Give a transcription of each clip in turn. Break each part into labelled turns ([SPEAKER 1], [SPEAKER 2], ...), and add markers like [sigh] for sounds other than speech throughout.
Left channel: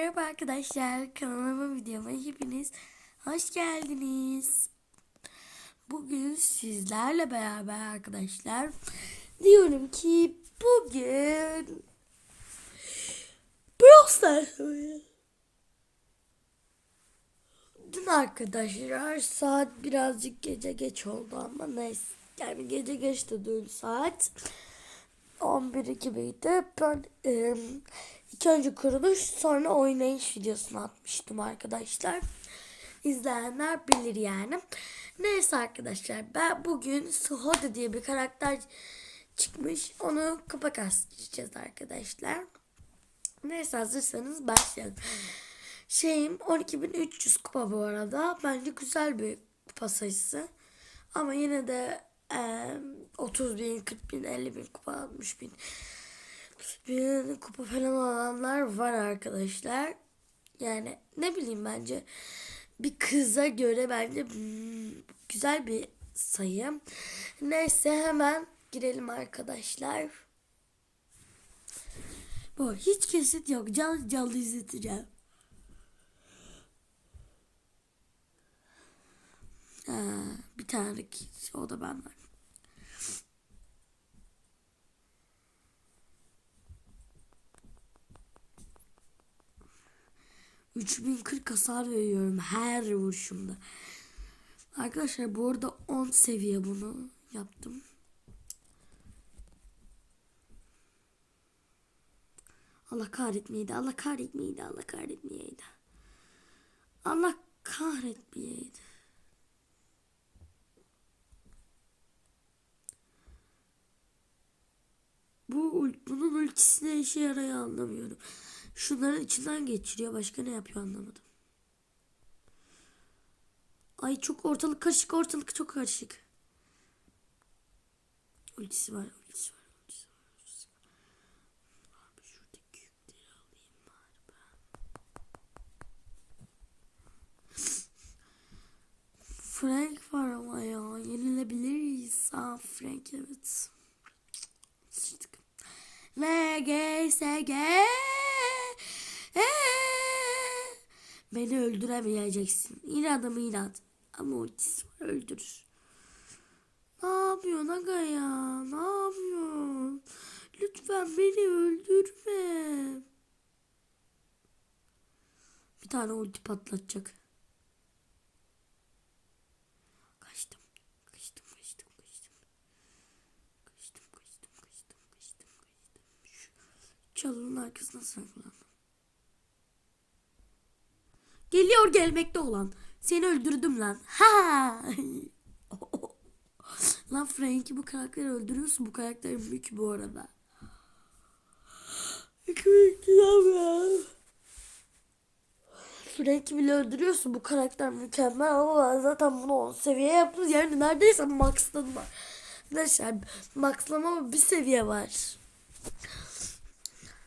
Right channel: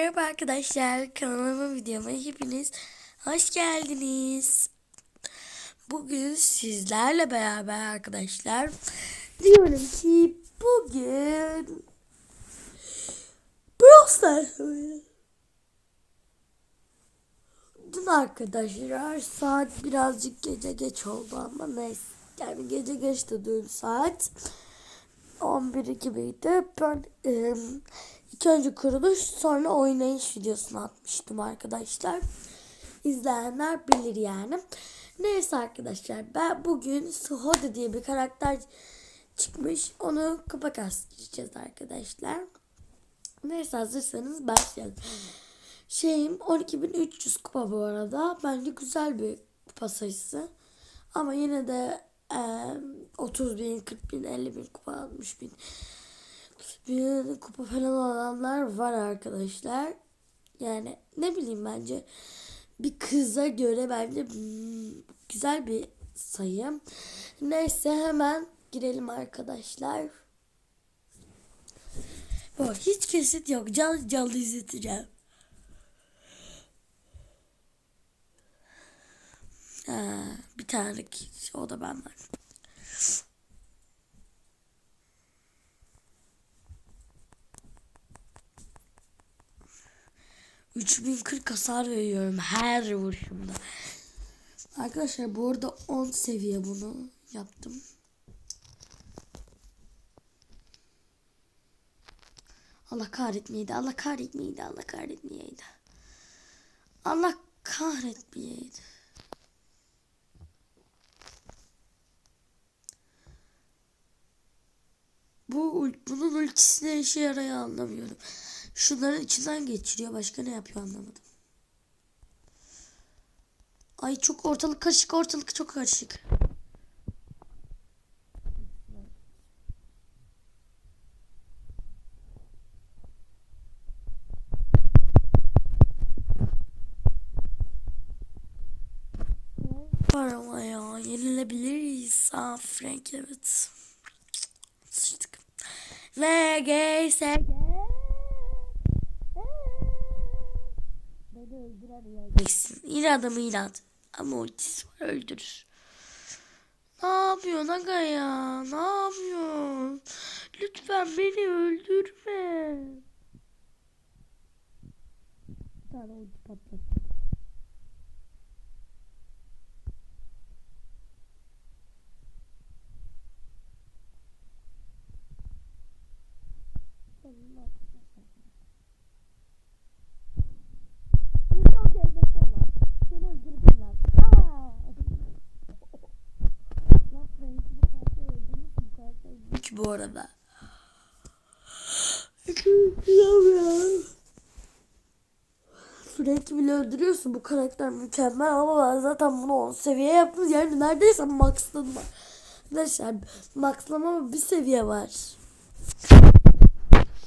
[SPEAKER 1] merhaba arkadaşlar. Kanalıma videoma hepiniz hoş geldiniz. Bugün sizlerle beraber arkadaşlar diyorum ki bugün Brawl. Dün arkadaşlar saat birazcık gece geç oldu ama neyse. Yani gece geçti dün saat. 11 gibiydi. Ben e, ilk önce kuruluş sonra oynayış videosunu atmıştım arkadaşlar. İzleyenler bilir yani. Neyse arkadaşlar ben bugün Suhoda diye bir karakter çıkmış. Onu kupa kasacağız arkadaşlar. Neyse hazırsanız başlayalım. Şeyim 12.300 kupa bu arada. Bence güzel bir kupa sayısı. Ama yine de e, 30 bin, 40 bin, 50 bin kupa, 60 bin bin kupa falan alanlar var arkadaşlar. Yani ne bileyim bence bir kıza göre bence hmm, güzel bir sayı. Neyse hemen girelim arkadaşlar. Bu hiç kesit yok. Canlı canlı izleteceğim. Ha, bir tane o da ben var. ...3040 hasar veriyorum her vuruşumda. Arkadaşlar bu arada 10 seviye bunu yaptım. Allah kahretmeyeydi, Allah kahretmeyeydi, Allah kahretmeyeydi. Allah kahretmeyeydi. Bu bunun ultisi ne işe yarıyor anlamıyorum. Şunların içinden geçiriyor. Başka ne yapıyor anlamadım. Ay çok ortalık karışık ortalık çok karışık. Ultisi var. Frank var ama ya. Yenilebiliriz. Aa Frank evet. Sıçtık. VGSG Beni öldüremeyeceksin. İnadımı inat. Ama ultisi var öldürür. Ne yapıyorsun aga ya? Ne yapıyorsun? Lütfen beni öldürme. Bir tane ulti patlatacak. Kaçtım. Kaçtım, kaçtım, kaçtım. Kaçtım, kaçtım, kaçtım, kaçtım, kaçtım. Çalının arkasına saklandım. Geliyor gelmekte olan. Seni öldürdüm lan. Ha. [laughs] lan Frank'i bu karakteri öldürüyorsun. Bu karakter mük bu arada. Frank'i bile öldürüyorsun. Bu karakter mükemmel ama ben zaten bunu 10 seviye yaptım. Yani neredeyse Max'tan max'ladım. Arkadaşlar max'lama bir seviye var.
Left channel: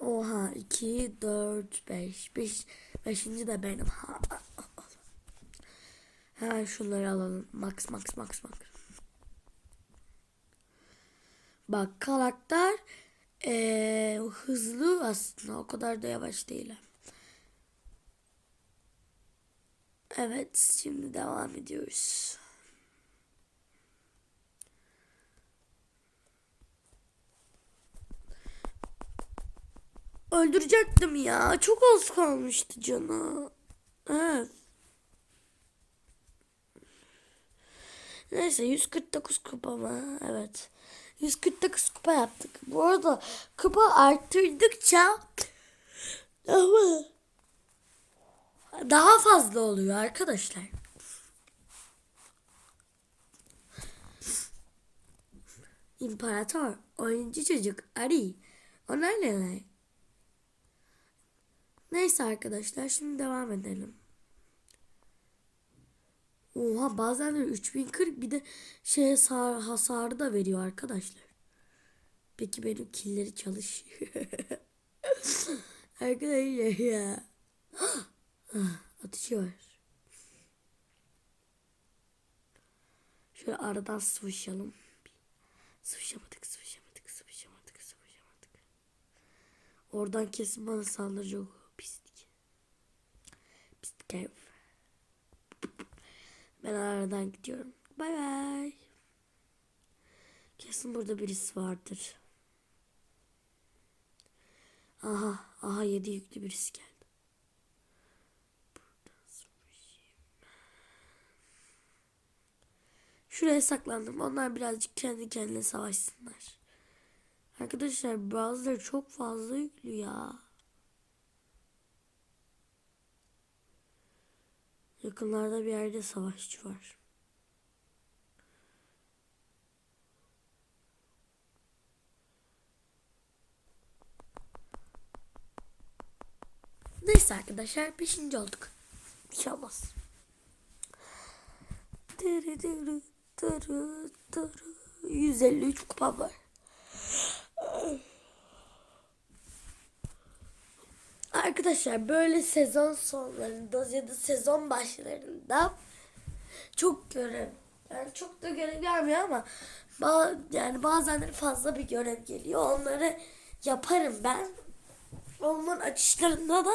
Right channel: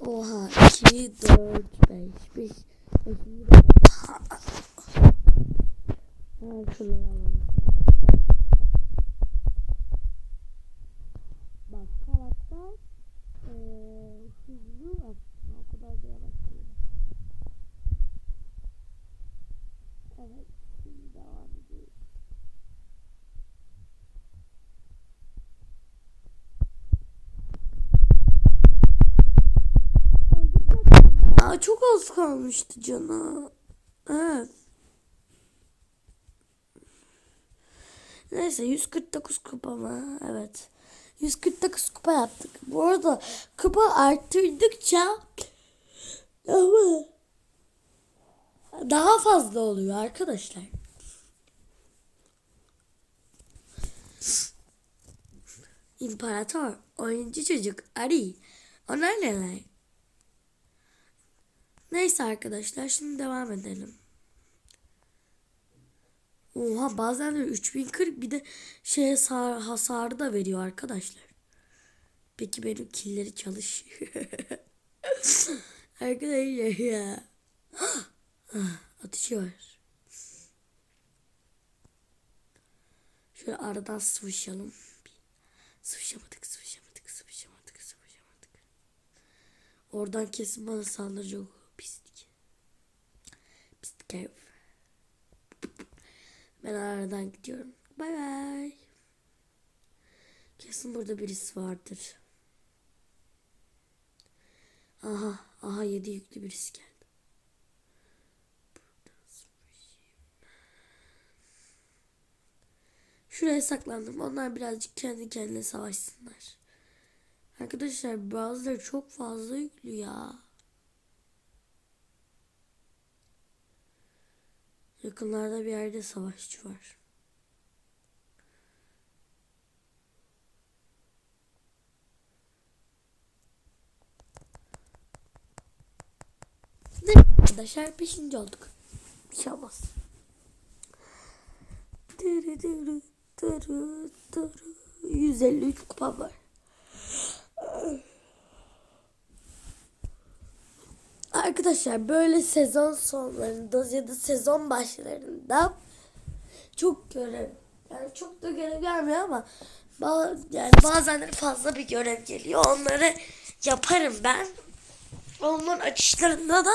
[SPEAKER 1] Oha 2, 4, 5, 5, 5. de 5. Hemen şunları alalım. Max max max max. Bak karakter ee, hızlı aslında o kadar da yavaş değil. Evet şimdi devam ediyoruz. Öldürecektim ya. Çok az kalmıştı canı. Evet. Neyse 149 kupa mı? Evet. 149 kupa yaptık. Bu arada kupa arttırdıkça ama daha fazla oluyor arkadaşlar. İmparator, oyuncu çocuk, Ari. Onlar neler? Neyse arkadaşlar şimdi devam edelim. Oha bazen de 3040 bir de şey hasar, hasarı da veriyor arkadaşlar. Peki benim killeri çalışıyor. [laughs] arkadaşlar ya. [gasps] Atışı var. Şöyle aradan sıvışalım. Sıvışamadık, sıvışamadık, sıvışamadık, sıvışamadık. Oradan kesin bana saldıracak o pislik. Ben aradan gidiyorum. Bay bay. Kesin burada birisi vardır. Aha, aha yedi yüklü birisi geldi. Şuraya saklandım. Onlar birazcık kendi kendine savaşsınlar. Arkadaşlar bazıları çok fazla yüklü ya. Yakınlarda bir yerde savaşçı var. Neyse arkadaşlar 5. olduk. Bir şey olmaz. Dırı dırı dırı dırı. 153 kupam var. Arkadaşlar böyle sezon sonlarında ya da sezon başlarında çok görev yani çok da görev gelmiyor ama ba- yani bazen fazla bir görev geliyor. Onları yaparım ben. Onların açışlarında da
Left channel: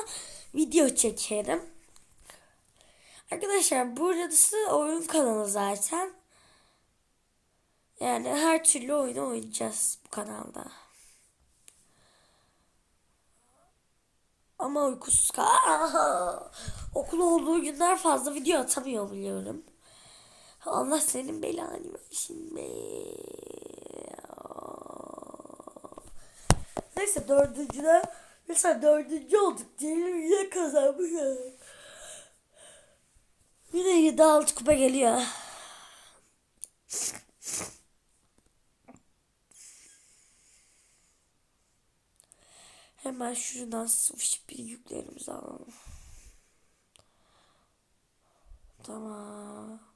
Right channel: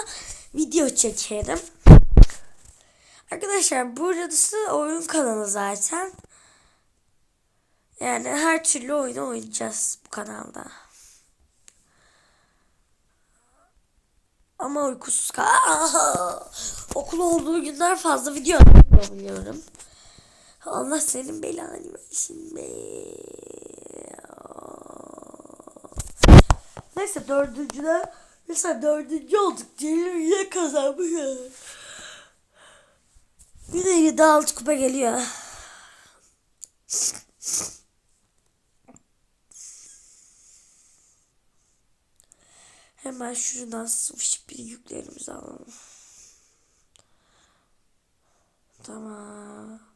[SPEAKER 1] video çekerim. Arkadaşlar burası oyun kanalı zaten. Yani her türlü oyunu oynayacağız bu kanalda. Ama uykusuz kal. Okul olduğu günler fazla video atamıyor biliyorum. Allah senin belanı versin be. Neyse dördüncüde mesela dördüncü olduk. Celil yine kazanmış. Bir de yedi altı kupa geliyor. Hemen şuradan sıvışıp bir yüklerimizi alalım. Tamam.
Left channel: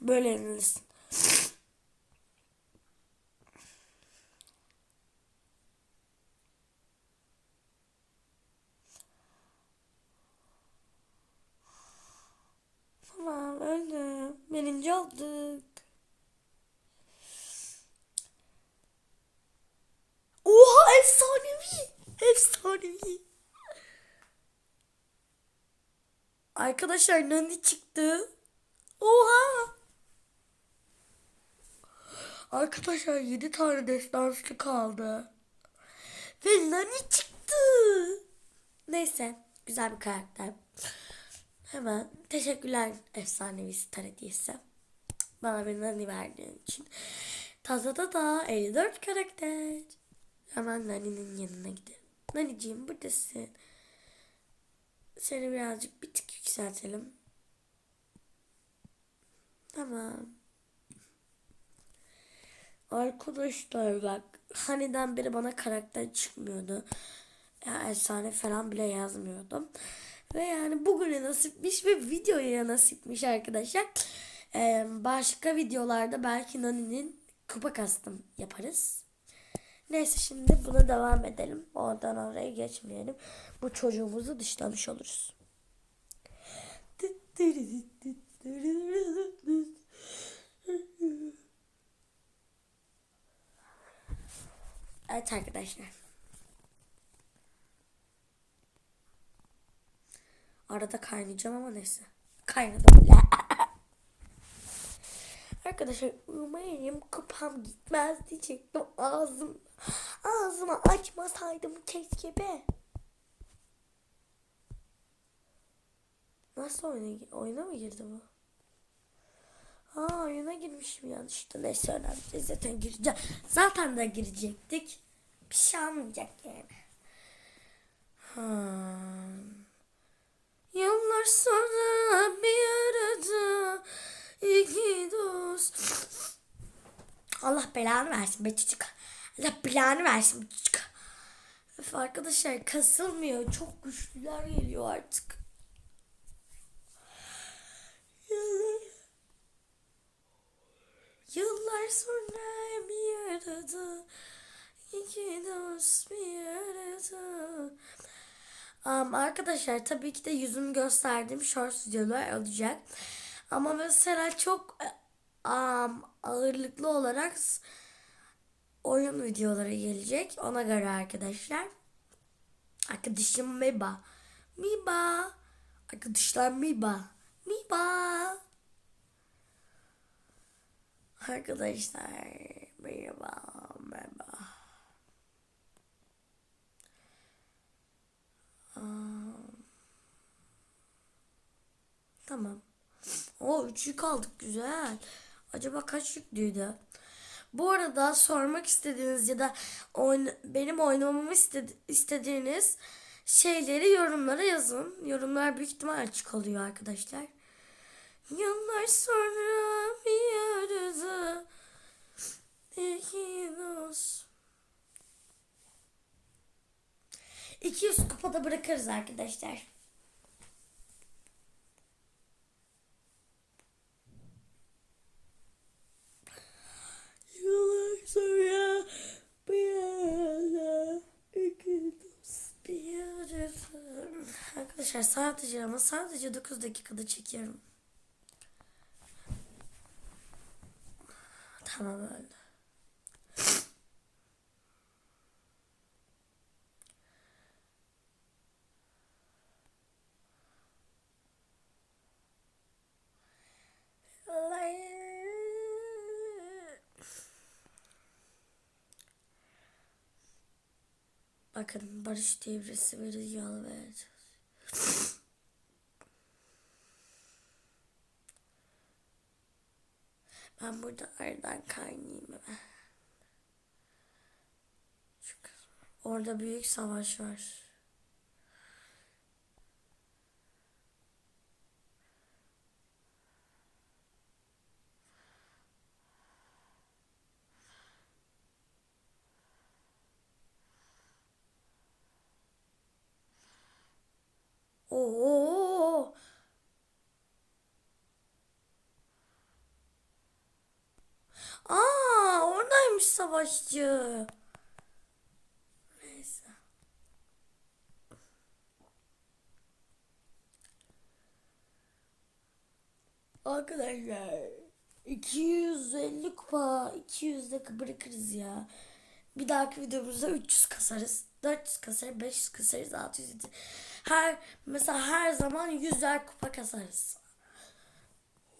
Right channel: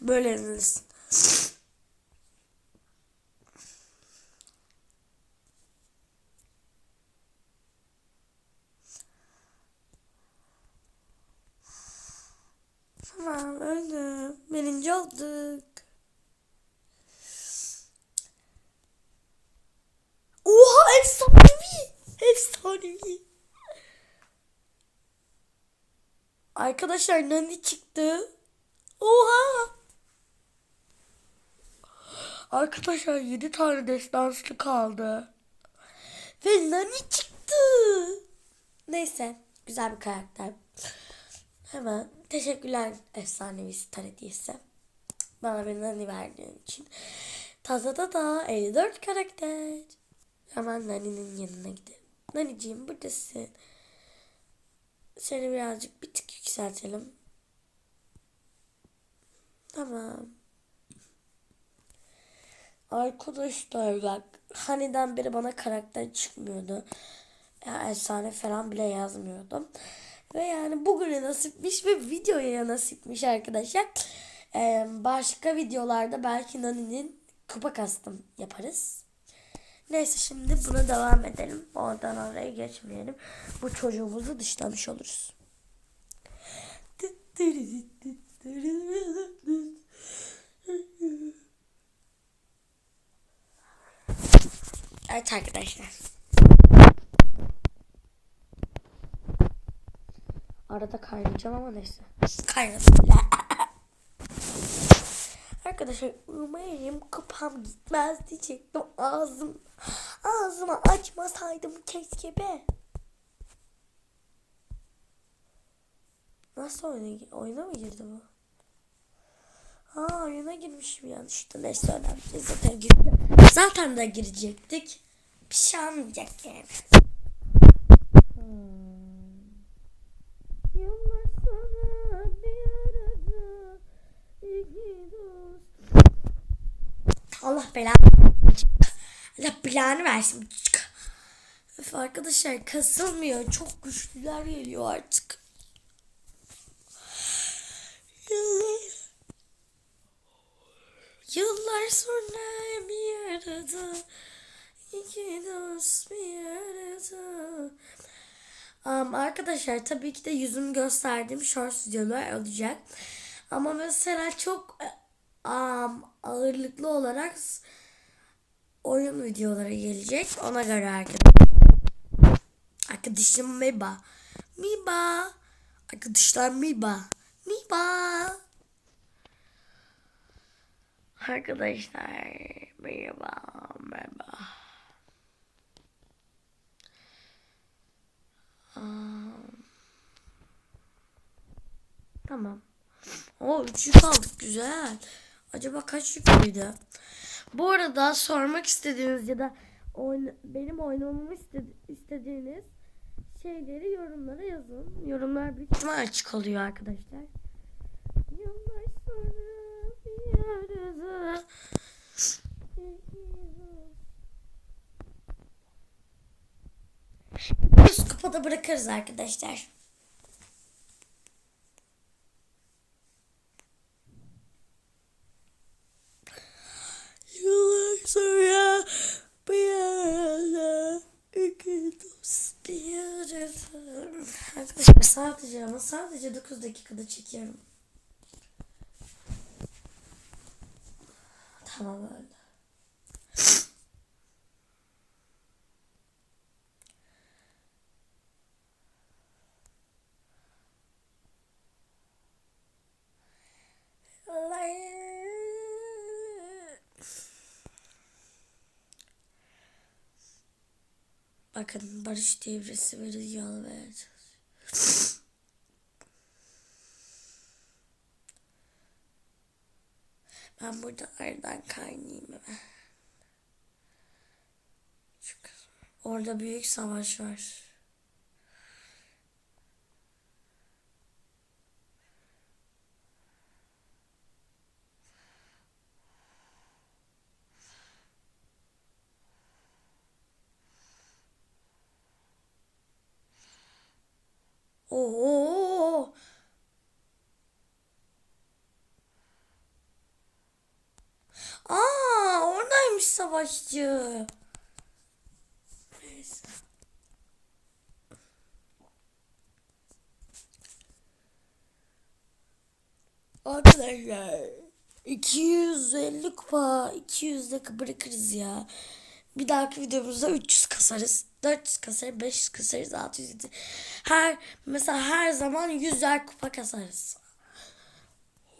[SPEAKER 1] Böyle yenilirsin. Tamam öldüm. Birinci olduk. Oha efsanevi. Efsanevi. Arkadaşlar Nani çıktı. Oha. Arkadaşlar 7 tane destanslı kaldı. Ve Nani çıktı. Neyse güzel bir karakter. Hemen teşekkürler efsanevi star hediyesi. Bana bir Nani verdiğin için. Tazada da 54 karakter. Hemen Nani'nin yanına gidelim. Nani'ciğim buradasın. Seni birazcık bir tık yükseltelim. Tamam. Arkadaşlar bak haniden beri bana karakter çıkmıyordu. Ya, efsane falan bile yazmıyordum. Ve yani bugüne nasipmiş ve videoya nasipmiş arkadaşlar. Ee, başka videolarda belki Nani'nin kupa kastım yaparız. Neyse şimdi buna devam edelim. Oradan oraya geçmeyelim. Bu çocuğumuzu dışlamış oluruz. Evet arkadaşlar. Arada kaynayacağım ama neyse. Kaynadım. [laughs] Arkadaşlar umarım kupam gitmez diyecektim. Ağzım ağzımı açmasaydım keşke be. Nasıl oyuna, oyuna mı girdi bu? Ha oyuna girmişim yanlışlıkla. Neyse önemli. Zaten gireceğim. Zaten de girecektik. Bir şey olmayacak yani. Ha. Yıllar sonra bir arada iki dost. Allah belanı versin. Allah planı versin. Öf arkadaşlar kasılmıyor. Çok güçlüler geliyor artık. Yıllar, sonra bir arada iki dost bir arada. Um, arkadaşlar tabii ki de yüzümü gösterdiğim short videolar olacak. Ama mesela çok um, ağırlıklı olarak oyun videoları gelecek. Ona göre arkadaşlar. Arkadaşım Miba. Miba. Arkadaşlar Miba. Miba. Arkadaşlar merhaba merhaba. Aa, Tamam. O üç yük aldık güzel. Acaba kaç yüklüydü? Bu arada sormak istediğiniz ya da oyna- benim oynamamı istedi- istediğiniz şeyleri yorumlara yazın. Yorumlar büyük ihtimal açık oluyor arkadaşlar. Yıllar sonra bir arada iki dost. 200 kupada bırakırız arkadaşlar. Yıllar sonra bir arada iki dost bir arada. Arkadaşlar sadece ama sadece 9 dakikada çekiyorum. Tamam öyle. Bakın barış devresi ve rüyalı. Ben burada aradan kaynayayım hemen. Kız- Orada büyük savaş var. Oo. Aa, oradaymış savaşçı. Arkadaşlar 250 kupa 200 de bırakırız ya. Bir dahaki videomuzda 300 kasarız. 400 kasarız, 500 kasarız, 600 700. Her mesela her zaman 100'er kupa kasarız.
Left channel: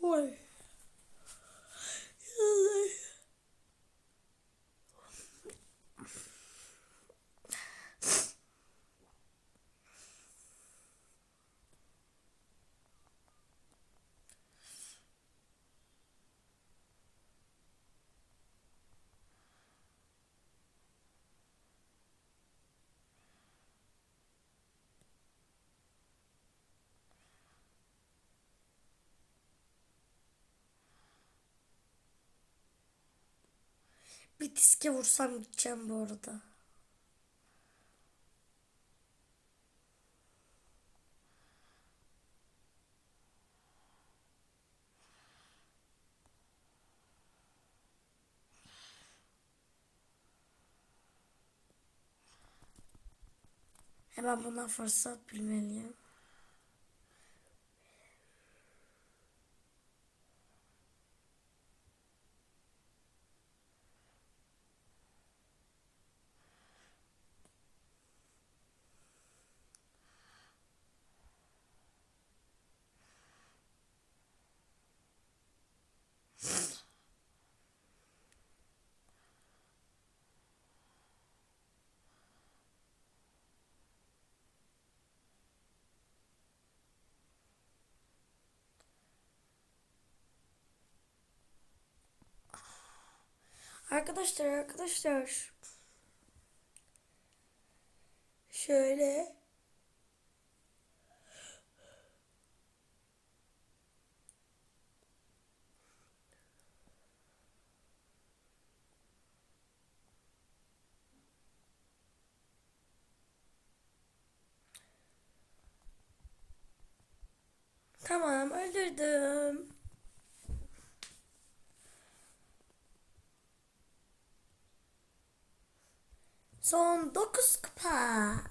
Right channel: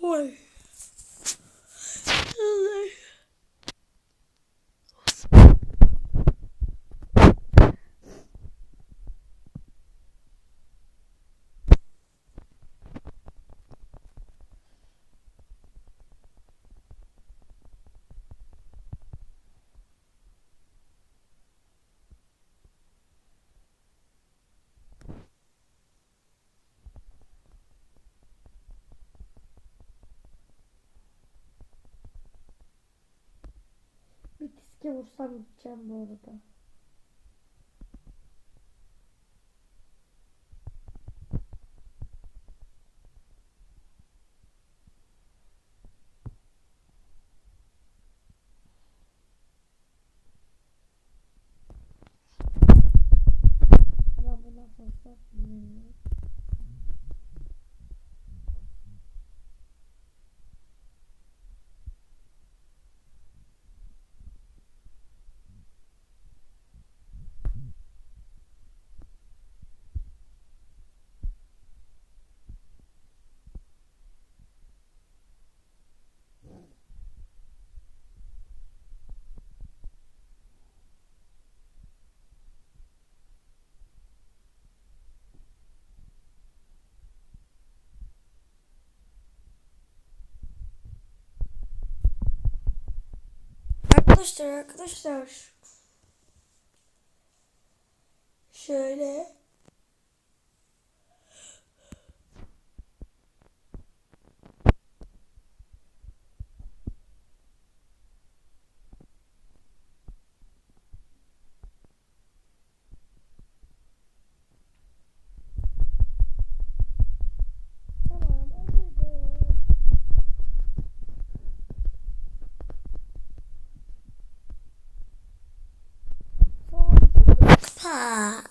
[SPEAKER 1] Oy. Diske vursam gideceğim bu arada. Hemen bundan fırsat bilmeliyim. Arkadaşlar arkadaşlar. Şöyle. Son 9 kupa.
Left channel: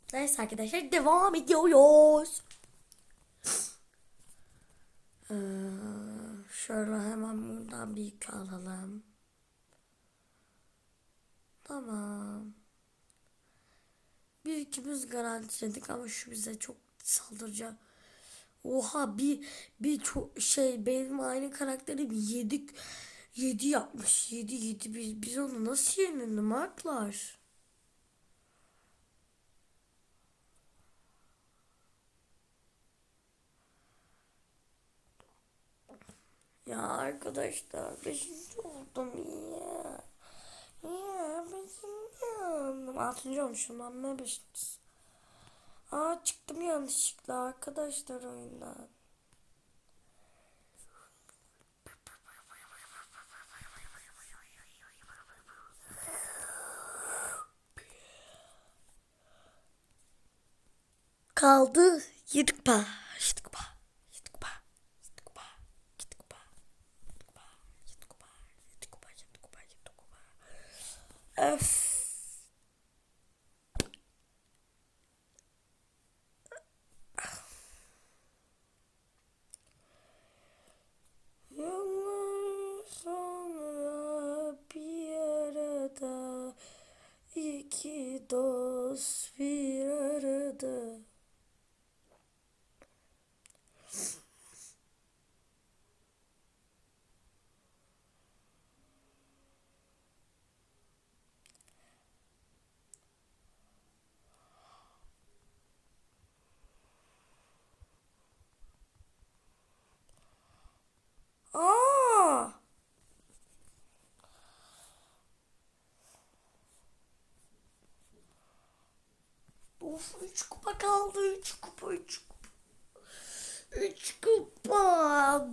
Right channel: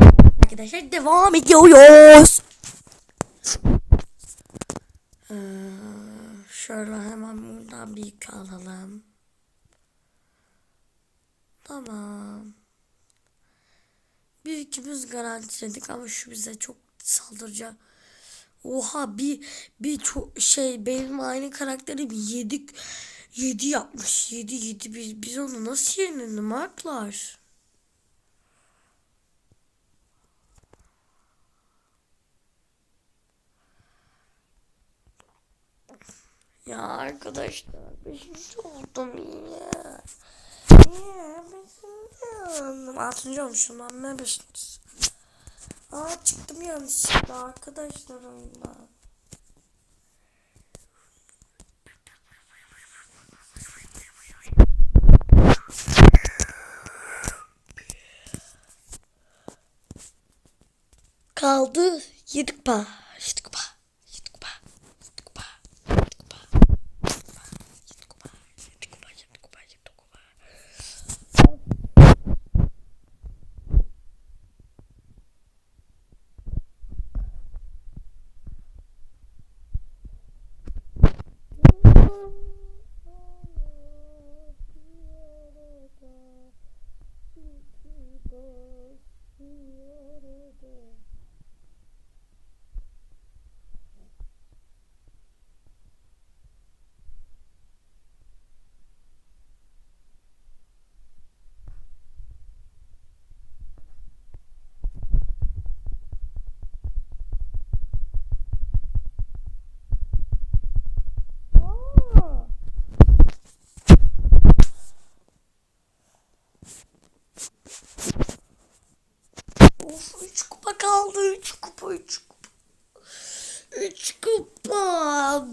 [SPEAKER 1] Neyse arkadaşlar devam ediyoruz. Ee, şöyle hemen buradan bir yük. Tamam. Bir ikimiz garantiledik ama şu bize çok saldıracak. Oha bir bir çok şey benim aynı karakterim yedik yedi yapmış. Yedi yedi biz, biz onu nasıl yenelim Marklar? Ya arkadaşlar beşinci oldum ya. Ya beşinci oldum. Altıncı olmuşum lan ne beşincisi. Aa çıktım yanlışlıkla arkadaşlar oyundan. Kaldı yedi kupa.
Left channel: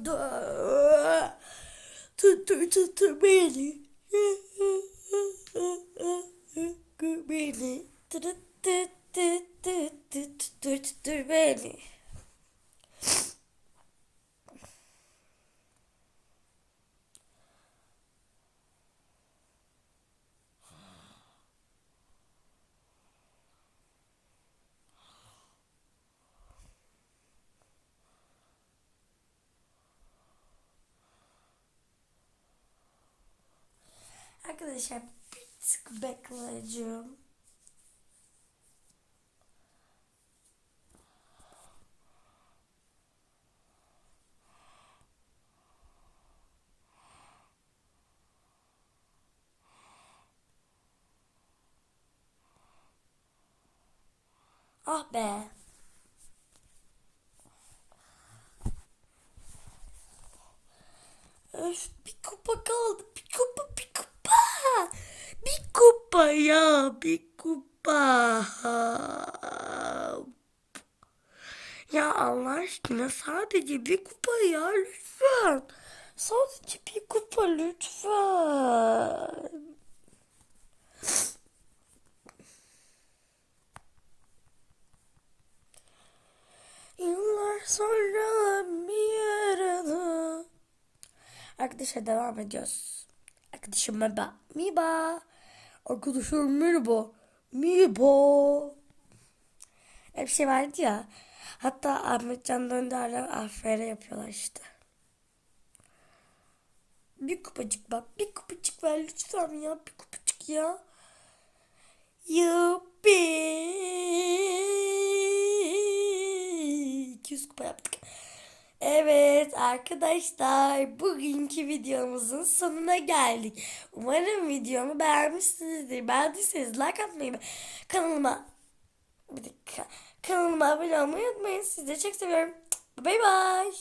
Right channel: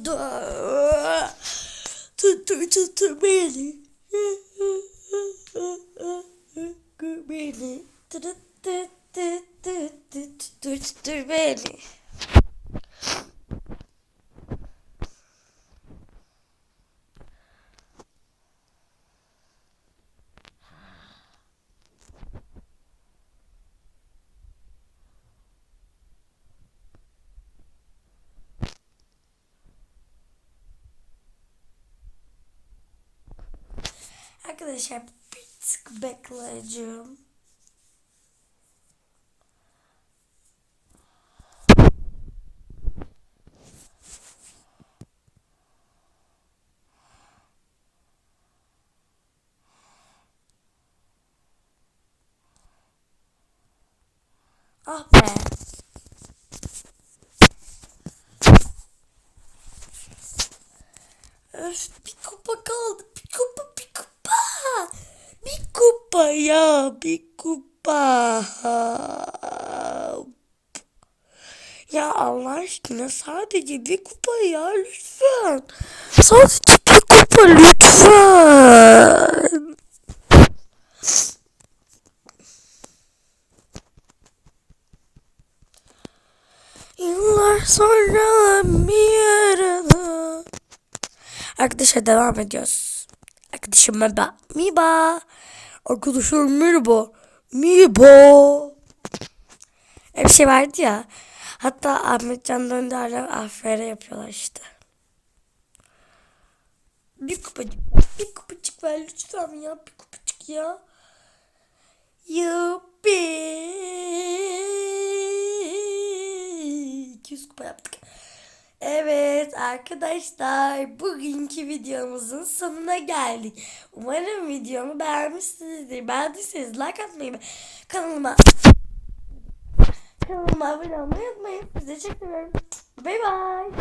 [SPEAKER 1] tuttu tuttu tuttu beni. Arkadaşlar bir tık bekleyeceğim. Ah be. Öf bir kupa kaldı. Bir kupa. Bir kupa ya bir kupa. Ya Allah aşkına sadece bir kupa ya lütfen. Sadece bir kupa lütfen. Yıllar sonra bir arada. Arkadaşlar devam ediyoruz. Arkadaşım merhaba. Miba. Arkadaşım merhaba. Miba. Bir şey vardı ya. Hatta Ahmet Can Dönder'le afere yapıyorlar işte. Bir kupacık bak. Bir kupacık ver lütfen ya. Bir kupacık ya. Yuppi. 200 kupa yaptık. Evet arkadaşlar bugünkü videomuzun sonuna geldik. Umarım videomu beğenmişsinizdir. Beğendiyseniz like atmayı kanalıma kanalıma abone olmayı unutmayın. Sizi çok seviyorum. Bye bye.